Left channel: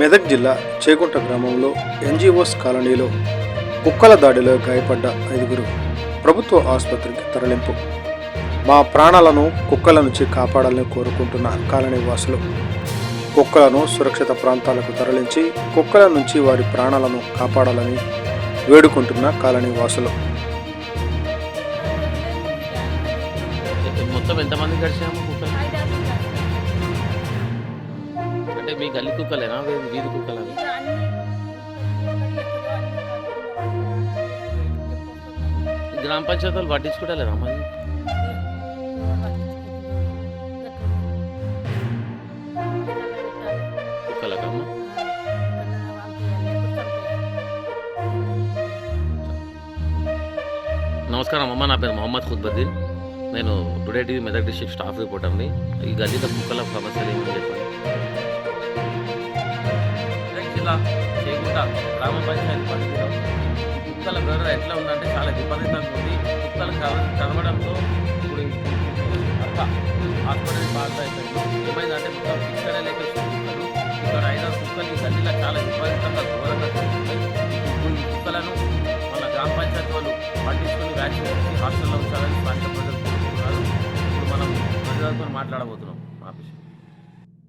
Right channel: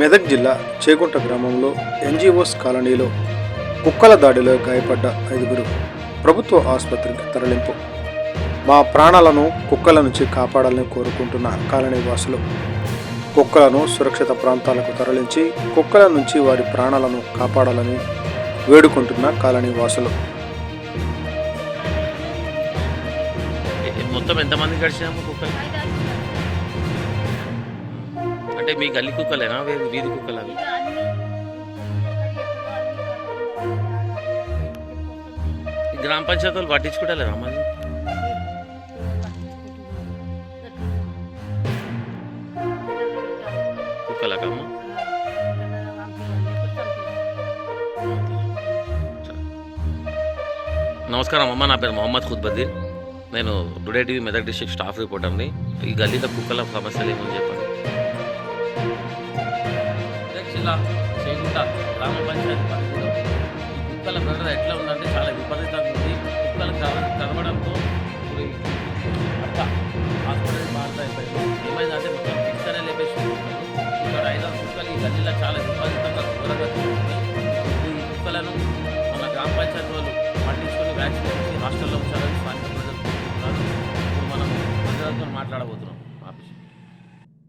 మెదక్ జిల్లా చేగుంట గ్రామంలో ఎన్జిఓస్ కాలనీలో కుక్కల దాడిలో గాయపడ్డ 5గురు ప్రభుత్వ ఆసుపత్రికి తరలింపు. మా ప్రాణాలను కుక్కల నుంచి కాపాడాలని కోరుకుంటున్న కాలనీ వాసులు కుక్కలను సురక్షిత ప్రాంతాలకు తరలించి కుక్కల నుంచి వారి ప్రాణాలను కాపాడాలని వేడుకుంటున్న కాలనీ వాసులు. మొత్తం ఎంతమంది గడిచాము కుక్కలు? అంటే మీ గల్లీ కుక్కలేనా వీధి కుక్కలు అవి? గ్రామ పంచాయతీ వాళ్ళు పట్టించుకుంటలేరా మరి? కుక్కలకమ్మ నమస్కారం అమ్మ, నా పేరు మొహమ్మద్ ఖుద్బద్దీన్. నేను today TV Medak district staff రిపోర్టర్ని. ఈ గల్లీలో కుక్కల సమస్యలు ఏమని చెప్పండి. మెదక్ జిల్లా చేగుంట గ్రామ పంచాయతీ పరిధిలో ఈ కుక్కల బెడద ఎట్లా ఉందంటే చాలా విపరీతంగా ఉంది. కుక్కలు కరవడంతో ఇప్పుడు అర్థ హాస్పిటల్ బాధ అయిపోయాను. ఏమైందంటే మొత్తం పిక్కలే లేపేసిన కుక్కలు. ఇక్కడ 5-6 కుక్కలు ఈ గల్లీలో చాలా విపరీతంగా ఘోరంగా తిరుగుతున్నాయి. ఈ కుక్కలను మన గ్రామ పంచాయతీ వాళ్ళు పట్టించుకొని వ్యాక్సిన్ ఇచ్చి హాస్టల్లో ఉంచాలని స్థానిక ప్రజలు కోరుకుంటున్నారు. ఇప్పుడు మనం ప్రజలతో మాట్లాడబోతున్నాం ఆఫీస్.